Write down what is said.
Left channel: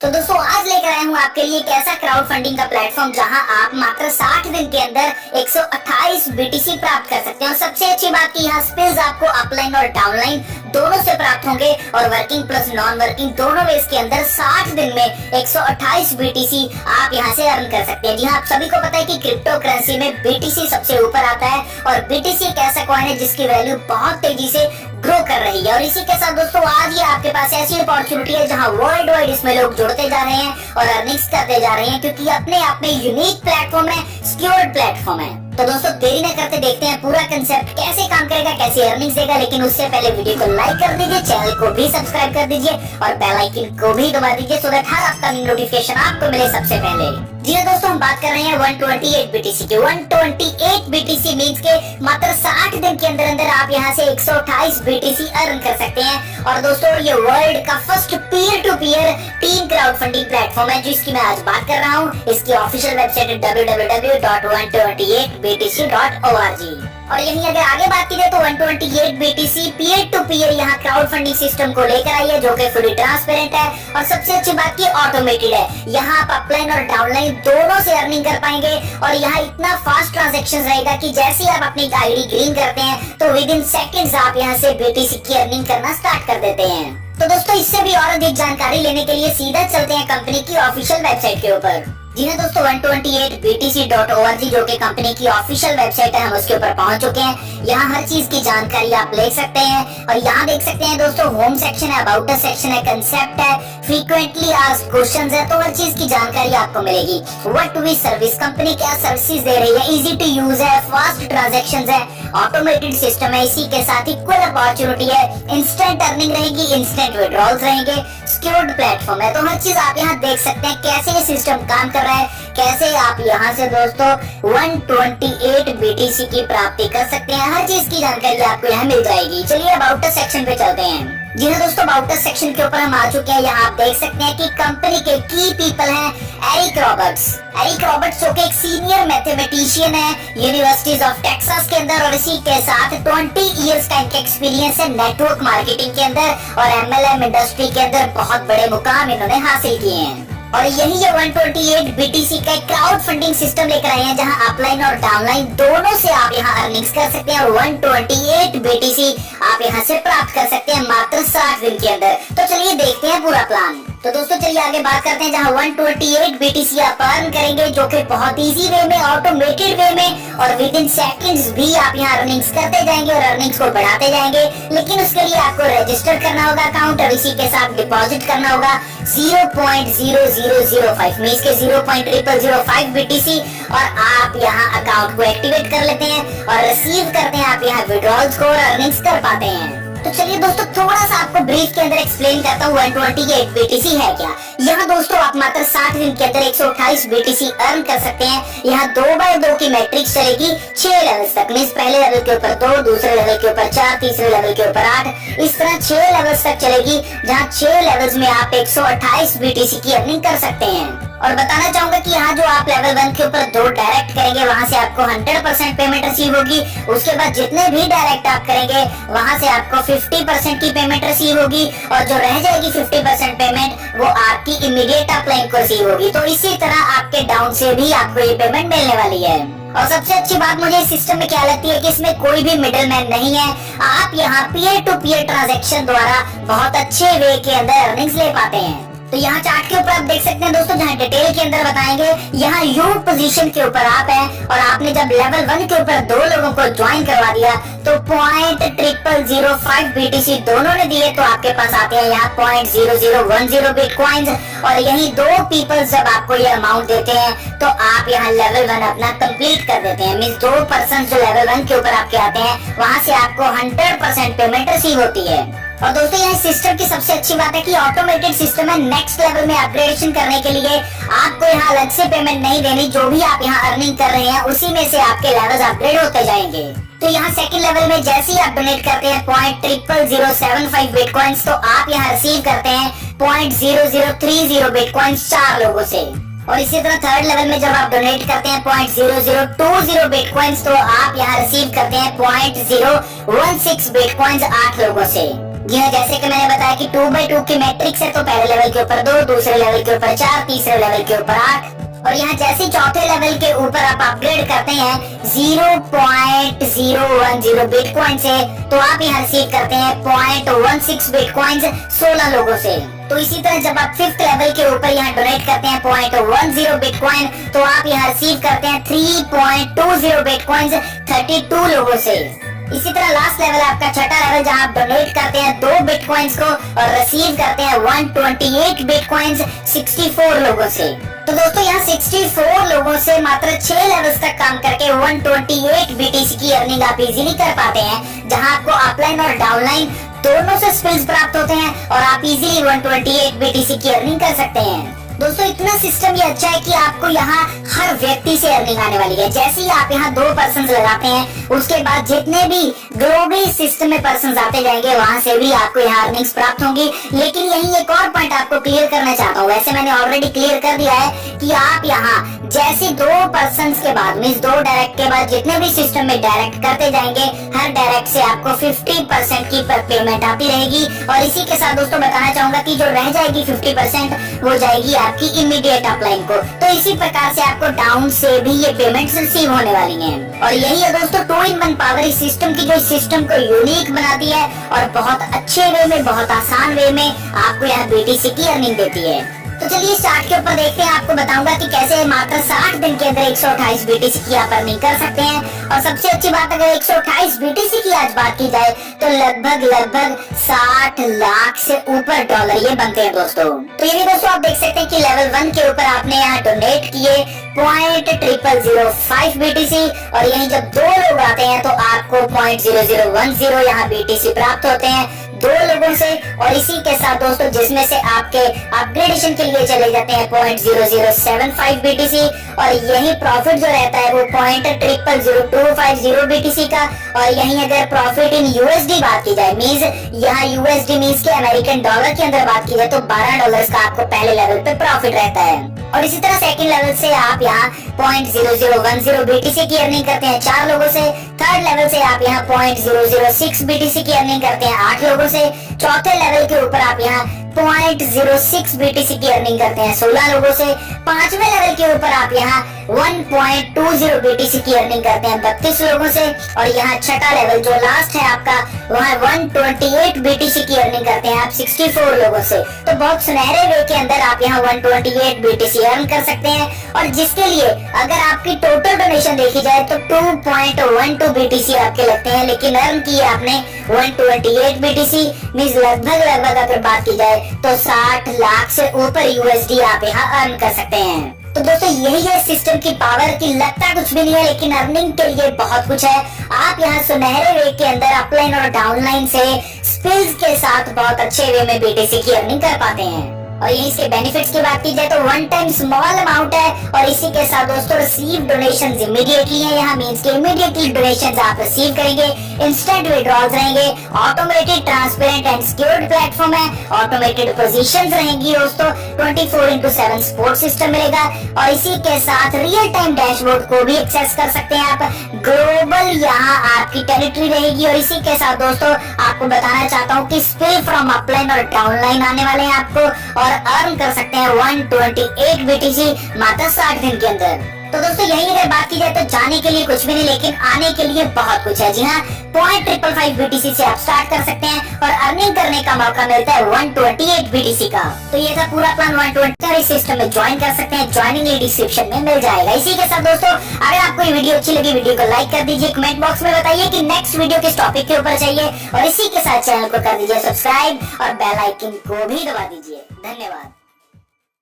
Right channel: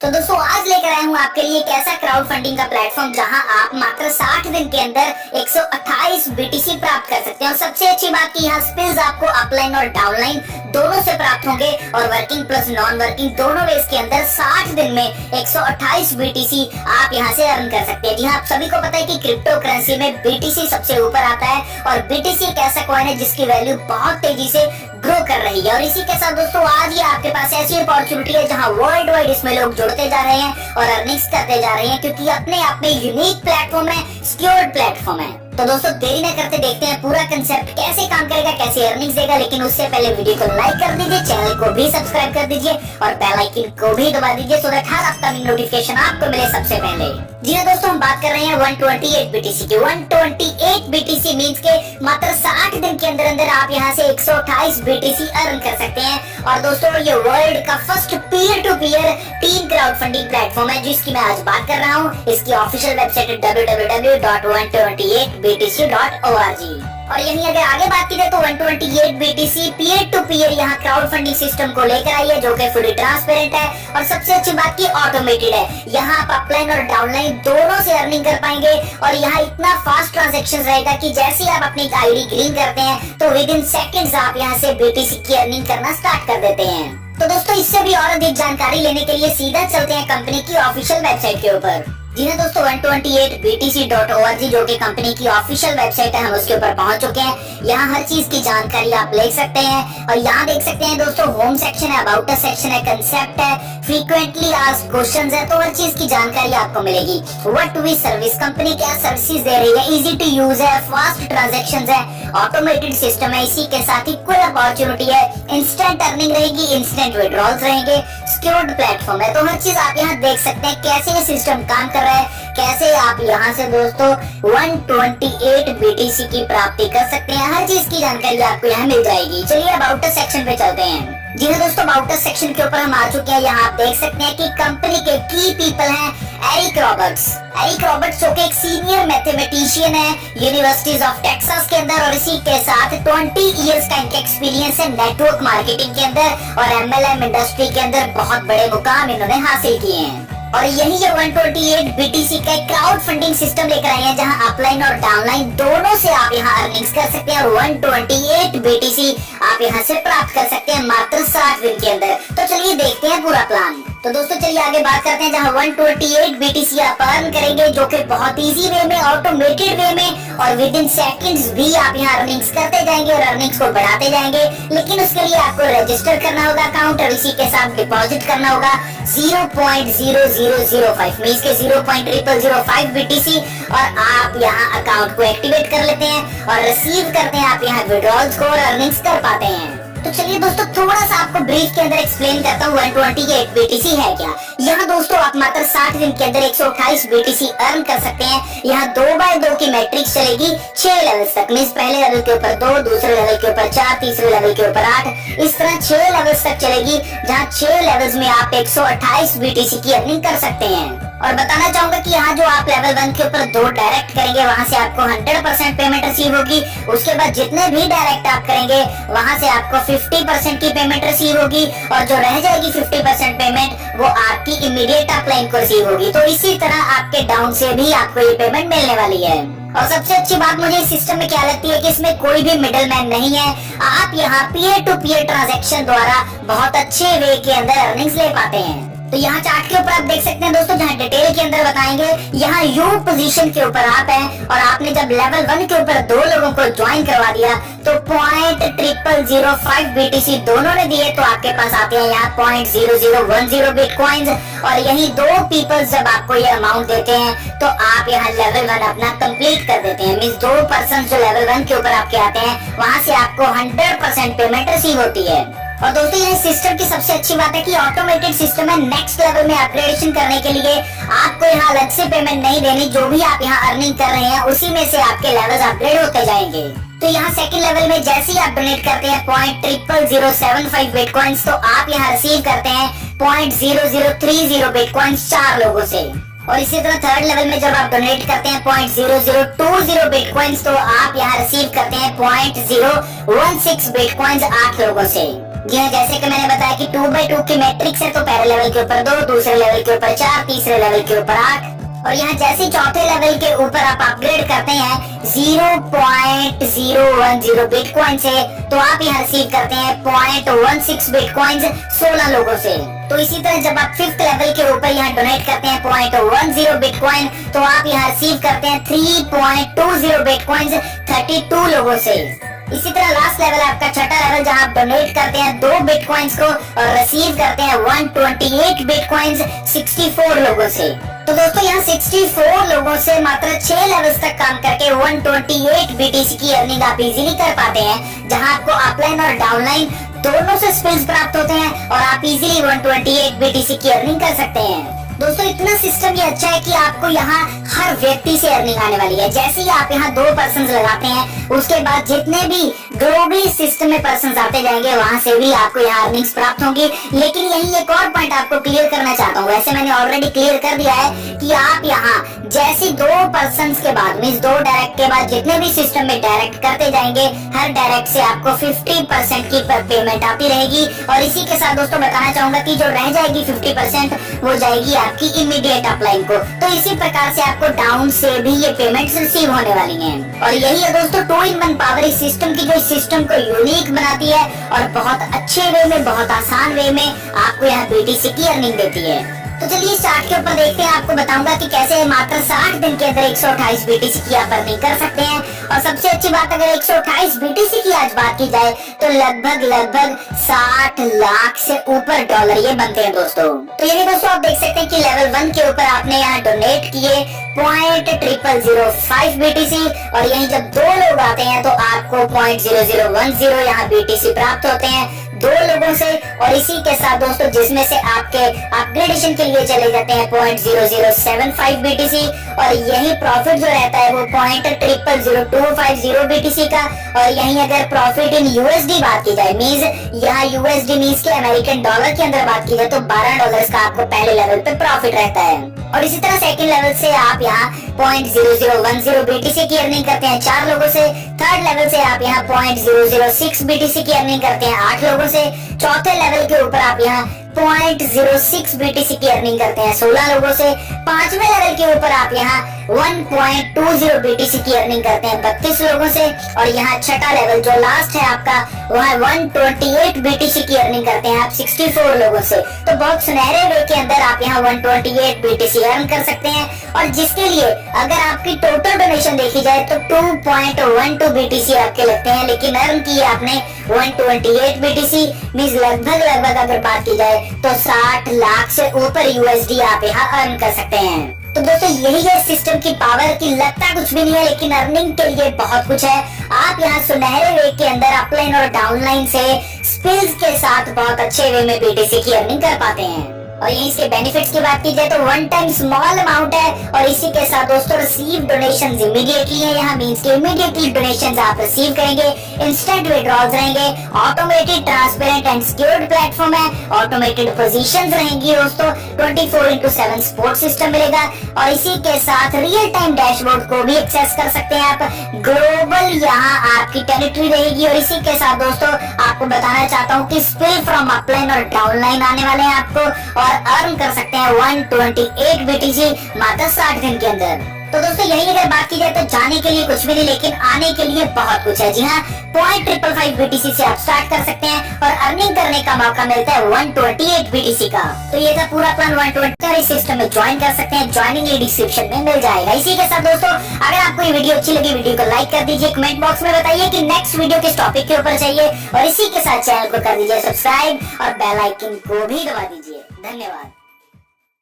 तो दोस्तों आज लेकर आया हूँ आपके लिए एक ऐसा क्राउड फंडिंग का प्लेटफॉर्म जहां आप मात्र 60 दिन के अंदर 128 बीटीसी प्राप्त कर सकते हैं। और सबसे अच्छी बात की यहाँ स्किल्स आपको अपलाइन और डाउनलाइन दोनों से प्राप्त होंगे और वर्किंग प्लस नॉन वर्किंग दोनों वेज के अंदर 60 दिन में 128 बीटीसी आप यहाँ से अर्न कर सकते हैं। जी हाँ, आप सभी को पता है कि क्रिप्टो करेंसी में बीटीसी सबसे ऊपर आता है और बीटीसी एक ऐसा कॉइन है जिसकी वैल्यू बहुत तेजी से ग्रो कर रही है। और इसी के साथ दोस्तों आज ये आपके पास ऐसी अपॉर्चुनिटी है जहां वर्ल्ड वाइड इसमें लोग जुड़ते जा रहे हैं और अर्निंग्स करते जा रहे हैं, क्योंकि अपने आप में यूनिक प्लेटफॉर्म है, सिक्योर्ड प्लेटफॉर्म है। तो दोस्तों देरी न करते देखते हैं पूरा कंसेप्ट कैसे काम करेगा, कैसे अर्निंग्स देगा। लेकिन उससे पहले वीडियो को लाइक कर दीजिए, चैनल को भी सब्सक्राइब कर दीजिए और बेल आइकन को भी दबा दीजिए so that her upcoming notification आपको मिले सबसे पहले। जी हाँ दोस्तों, हम बात कर रहे हैं 128 बीटीसी की। 128 बीटीसी मींस के मात्र 60 दिन के अंदर अंदर आप यहाँ से 128 बीटीसी अर्न कर सकते हैं। और दोस्तों ये वर्ल्ड का first peer to peer team crowd funding platform है जिसकी मैं आज बात कर रहा हूँ। इसकी ऑफिशियल वेबसाइट है www.128btc.org। और यहीं अगर आगे बात की जाए तो 128 बीटीसी पीयर टू पीयर यहाँ क्राउड फंडिंग सिस्टम को लेकर आई है जो कि फुली ट्रांसपेरेंट है और सबसे अच्छी बात की ऑटोमेटेड है। यहाँ आप अपलाइन और डाउनलाइन दोनों से अर्निंग कर पाएंगे और यहाँ इतना फास्ट ट्रांजैक्शन रहेगा कि जैसे ही आप अपनी आईडी ग्रीन करते हैं तो विद इन सेकंड्स आप यहाँ से बीटीसी की अर्निंग करना स्टार्ट कर देते हैं। तो दोस्तों इससे भी और अधिक जानकारी लेने के लिए सीधा चलते हैं कंपनी की ऑफिशियल वेबसाइट के ऊपर। जी हाँ दोस्तों, 128btc.org जो कि कंपनी की ऑफिशियल वेबसाइट है, हम उसके ऊपर पहुंच चुके हैं। यहाँ हर चीज की जानकारी आप ले सकते हैं और यहाँ देख सकते हैं दोस्तों होम सेक्शन है, अबाउट अस सेक्शन है, कंसेप्ट है, फ्रीक्वेंटली आस्क्ड क्वेश्चंस है, तो हर चीज की जानकारी आपको मिलेगी। व्हाट वी सर्विस, कंपनी क्या सर्विसेज दे रही है, इजी टू यूज है, फास्ट ट्रांजैक्शंस है, ऑटोमेटेड सिस्टम है, इसी के साथ इक्वल अपॉर्चुनिटी है, इंस्टेंट अर्निंग रहेगी, इंस्टेंट विड्रॉल्स रहेंगे, सिक्योर्ड प्लेटफॉर्म है। तो हर चीज आप यहाँ देख सकते हैं कैसे ये सिस्टम काम कर रहा है, कैसे आप यहाँ से दोस्तों 128 बीटीसी की प्राप्ति कर सकते हैं। हर चीज की जानकारी आपको यहाँ मिल जाएगी। चलिए अबाउट अस सेक्शन पे चलते हैं। जी हाँ दोस्तों, अबाउट अस सेक्शन के ऊपर हम आ चुके हैं। यहाँ आप देख सकते हैं कि कंपनी के की पीपल हैं एरिक रॉबर्ट्स। एरिक रॉबर्ट्स जो कि एक सीनियर मैथमेटिशियन है यूनिवर्सिटीज ऑफ टेक्सास के अंदर और इसी के साथ 20 इयर्स का इनका एक्सपीरियंस है नेटवर्क मार्केटिंग के अंदर और एमएलएम इंडस्ट्री के अंदर बहुत बड़े मुकाम इन्होंने हासिल किए हैं। और यही ये 128 बीटीसी का क्राउड फंडिंग सिस्टम लेकर आए हैं जहां अपलाइन और डाउनलाइन दोनों से आप यहां अर्निंग्स कर सकते हैं और 128 बीटीसी आप यहां से प्राप्त कर सकते हैं मात्र 60 दिन के अंदर। तो चलिए देखते हैं पूरा प्लान। तो दोस्तों चलिए आगे बात करते हैं जहां 128 बीटीसी आप अर्न करेंगे जो कि बहुत इजी वे में, ऑटोमेटेड वे में और विद इन सेकंड्स भी आप यहां अर्निंग्स करते जाएंगे और अर्निंग्स को बढ़ाते जाएंगे। लेकिन उसके लिए आपको रजिस्टर करना होगा अकाउंट और इसी के साथ डिपॉजिट करना होगा 0.0005 मींस के 0.0005 बीटीसी और आप यहां अकाउंट को एक्टिवेट कर लेते हैं और रिसीव करते हैं आप यहां विड्रॉल्स को और अर्निंग्स कर पाते हैं। तो चलिए दोस्तों थोड़ा सा आपको ब्रीफ के अंदर एक्सप्लेन करता हूँ 128 बीटीसी है क्या। यहाँ दोस्तों आप मात्र 60 दिन के अंदर 128 बीटीसी अर्न कर सकते हैं। यहाँ 2x2 की मैट्रिक्स चलेगी 6 लेवल्स तक, मींस पहले लेवल के ऊपर 2, दूसरे लेवल के ऊपर 4, तीसरे लेवल के ऊपर 8, इस तरह 6 लेवल्स तक चलेगी जहाँ 6 लेवल्स में आप 128 बीटीसी की अर्निंग कर सकते हैं। और बताना चाहूंगा कि यहाँ जो आप लेवल 1 के ऊपर 2 डायरेक्ट करेंगे वहां से आपको 100% पेमेंट रिसीव होगी। उसके बाद जितने भी डायरेक्ट आप करेंगे वहां से आपको 50% की पेमेंट रिसीव होगी और जो रह जाएगी 50% पेमेंट वो आपकी इमीडिएट अपलाइन को रिसीव होगी। तो इसी तरह आपके डाउन से भी आपको ये पेमेंट मिलने वाली है। और सबसे अच्छी बात मुझे इस सिस्टम में क्या लगती है कि इसमें कोई भी मिडिल मैन नहीं है। आप यहाँ पीयर टू पीयर ट्रांजेक्शन द्वारा बहुत अच्छे वे के अंदर अर्निंग्स ले पाते हैं। तो यहाँ चार्ट के ऊपर आप देख सकते हैं दोस्तों जहाँ डिटेल के अंदर बताएंगे यहाँ यू पोजीशन के ऊपर आप हैं और आपने जब लेवल 1 के ऊपर 2 लोगों को ज्वाइन करवा दिया तो 0.0005 बीटीसी दोनों ने दिए तो आपके पास आते हैं यहाँ 0.0010 बिटकॉइंस और यही 2 पीपल जब आपको ये अमाउंट देते हैं तो आप यहाँ लेवल 1 अपना कंप्लीट कर देते हैं। मींस 2 पर्सन जो लेवल 1 के ऊपर आपके आते हैं वहां से आपको 100% पेमेंट रिसीव होती है। और दोस्तों यहाँ सिस्टम की सबसे अच्छी बात है कि ऑटोमेटेड सिस्टम है। नेक्स्ट लेवल में अपग्रेडेशन करने के लिए आपको यहाँ अलग से पेमेंट नहीं देनी, जो भी आप यहाँ अर्निंग कर रहे हैं उसी में से आपके लेवल्स अपग्रेड होते जाएंगे। तो यहाँ सेकंड लेवल में जैसे ही आप डोनेट करते हैं 0.0075 बिटकॉइंस तो आप यहाँ रिसीव करते हैं 0.0030 बिटकॉइंस 4 लोगों से। और इसी तरह थर्ड लेवल में जब आप डोनेट करते हैं 0.0020 बिटकॉइंस तो आप यहाँ रिसीव करते हैं 0.016 बिटकॉइंस 8 लोगों से। जी हाँ, जैसे कि मैंने बताया कि 2x2 की मैट्रिक्स है, तो पहले लेवल के ऊपर 2, दूसरे लेवल के ऊपर 4, तीसरे लेवल के ऊपर 8 और यहाँ जैसे चौथे लेवल के ऊपर आप अपग्रेड करते हैं 0.010 बिटकॉइन से, तो आप यहाँ रिसीव करते हैं 0.16 बिटकॉइंस 16 लोगों से। तो इसी तरह जब आप 5th लेवल के ऊपर यहाँ डोनेट करते हैं 0.10 बिटकॉइन, तो आप यहाँ रिसीव करते हैं 3.20 बिटकॉइंस 32 लोगों से। इसी तरह लास्ट लेवल आपका छठा लेवल, जहां आप डोनेट करते हैं 2 बिटकॉइंस को और रिसीव करते हैं 128 बिटकॉइंस 64 लोगों से। तो दोस्तों यहाँ 64 लोगों से मात्र 6 लेवल्स तक काम करके 128 बीटीसी की अर्निंग आप इजीली कर पाते हैं, जहां आपको अपलाइन और डाउनलाइन दोनों से स्पिल्स प्राप्त होते हैं और आप इजीली 128 बीटीसी की अर्निंग कर सकते हैं। दोस्तों इतना सिस्टम ये अच्छा है कि आपको यहाँ हर व्यक्ति से अर्निंग आने वाली है। जैसे ही आप यहाँ 2 पर्सन्स लगाते हैं, उसके बाद जितने भी ग्लोबली सिस्टम में पर्सन्स आते जाएंगे, वहां से भी आपको यहाँ अर्निंग्स प्राप्त होंगी। लेकिन यही एक और पॉइंट आपको क्लियर करना चाहता हूँ। वैसे मैंने ऑलरेडी क्लियर कर दिया है कि आप यहाँ जैसे 2 पर्सन्स के बाद मींस 2 डायरेक्ट के बाद जितने भी सिस्टम में डायरेक्ट करते जाएंगे, हर डायरेक्ट से आपको 50% की पेमेंट आती रहेगी। और इसी के साथ दोस्तों बताना चाहूंगा कि जो रह जाएगी 50% वो जाएगी आपकी इमीडिएट अपलाइन को। तो इसी प्रकार से आपको डाउन से भी ये पेमेंट्स रिसीव होने वाली हैं। और यही है दोस्तों 2-in-1 पावर इस सिस्टम की, जो इस सिस्टम को यूनिक बनाती है और बहुत अच्छे वे में, बहुत आसान वे में आपको यहाँ बीटीसी की अर्निंग देती है। तो चलिए चार्ट के ऊपर देखते हैं। आपको बताऊंगा कि कैसे मात्र 60 दिन के अंदर 128 बीटीसी की आप अर्निंग कर सकते हैं। और सबसे अच्छी बात, अगर 128 बीटीसी की आज बात की जाए तो लगभग 60 लाख से ऊपर डॉलर ये बनते हैं दोस्तों। तो यही दोस्तों आप देख सकते हैं कि लेवल 1 के ऊपर आपने यहाँ डोनेट किए 0.0005 बीटीसी और यहीं जब 2 लोग आते हैं तो आपको 0.0010 यहाँ बीटीसी प्राप्त होते हैं 2 लोगों से। और इसी के साथ दोस्तों जिसमें से आपके अपग्रेडेशन के लिए चले जाते हैं 0.0075 बीटीसी और यही प्रॉफिट जो रहता है वो 0.000250 बीटीसी का। और यही अगर प्रॉफिट इन यूएसडी बात की जाए, मींस यहाँ यूएसडी मींस के अमेरिकन डॉलर के अंदर बात की जाए, तो $12 का आपको पहले लेवल पे प्रॉफिट रहता है। और इसी तरह सेकंड लेवल से आप यहाँ 0.0010 बीटीसी की अर्निंग करते हैं 4 लोगों से। थर्ड लेवल से आप यहाँ 0.006 बीटीसी की अर्निंग करते हैं 8 लोगों से। चौथे लेवल के ऊपर आप यहाँ 0.06 बीटीसी की अर्निंग करते हैं 16 लोगों से। 5वें लेवल के ऊपर आप यहाँ 1.20 बीटीसी की अर्निंग करते हैं 32 लोगों से। और यहाँ छठा लेवल जो लास्ट है आपका, वहाँ 128 बीटीसी की अर्निंग करते हैं आप 64 लोगों से। तो बहुत सुनहरे वे के अंदर आप यहाँ 128 बीटीसी अर्न कर सकते हैं। और जिसके लिए अगर आपकी टोटल डोनेशन देखी जाए तो 2.12 बीटीसी आपके लगते हैं, लेकिन अर्न किए आपने 128 बीटीसी, मींस लगभग अगर बात की जाए तो 60 लाख से ऊपर यूएसडी आप यहाँ अर्न कर सकते हैं। तो दोस्तों यही है सिस्टम की पावर की, लगता कुछ भी नहीं है लेकिन अर्निंग के लिए बहुत कुछ है। आप यहाँ सुनहरे वे के अंदर अपलाइन और डाउनलाइन से स्पिल्स के साथ बहुत अच्छे वे में बीटीसी की अर्निंग कर पाते हैं। और यही इसके बेनिफिट्स की बात की जाए तो 1 टाइम स्मॉल अमाउंट है और इसी के साथ दोस्तों रिसीव डोनेशंस इमीडिएटली है। यहाँ मींस के इमीडिएटली डोनेशंस आप रिसीव करेंगे, इंस्टेंट विड्रॉल्स रहेंगे, automated transparent and secured platform है, ऑटोमेटेड पोजीशंस रहेंगी दोस्तों, 24/7 सपोर्ट सिस्टम मिलेगा और इसी के साथ रियल टाइम डैशबोर्ड को भी एक्सेस कर सकते हैं आप। ग्लोबल यहाँ आपकी टेरिटरी रहेगी और इसी के साथ दोस्तों आपको बताना चाहता हूँ कि स्पिल फ्रॉम अपलाइन और डाउनलाइन आने वाले हैं आपको और अर्न कर सकते हैं 128 बीटीसी मात्र 60 दिन के अंदर। तो दोस्तों यही अगर बात की जाए तो जाने के लिए कुछ भी नहीं लेकिन आने के लिए बहुत कुछ है। जी हाँ, 0.555 बीटीसी से आप स्टार्ट कर सकते हैं और अर्निंग करने का मौका मिलता है 128 बीटीसी का। तो ये था पूरा प्लान 120 इस सिस्टम में ज्वाइन कर सकते हैं, ज्वाइनिंग लिंक डिस्क्रिप्शन में मिल जाएगा। इसी के साथ दोस्तों अगर आपको ये वीडियो अच्छी लगी, वीडियो को लाइक कर दीजिए, कमेंट बॉक्स में बताइए कि नेक्स्ट वीडियो किस टॉपिक के ऊपर चाहिए और इसी के साथ चैनल को कर दीजिए सब्सक्राइब और बेल आइकन को भी दबा दीजिए। धन्यवाद।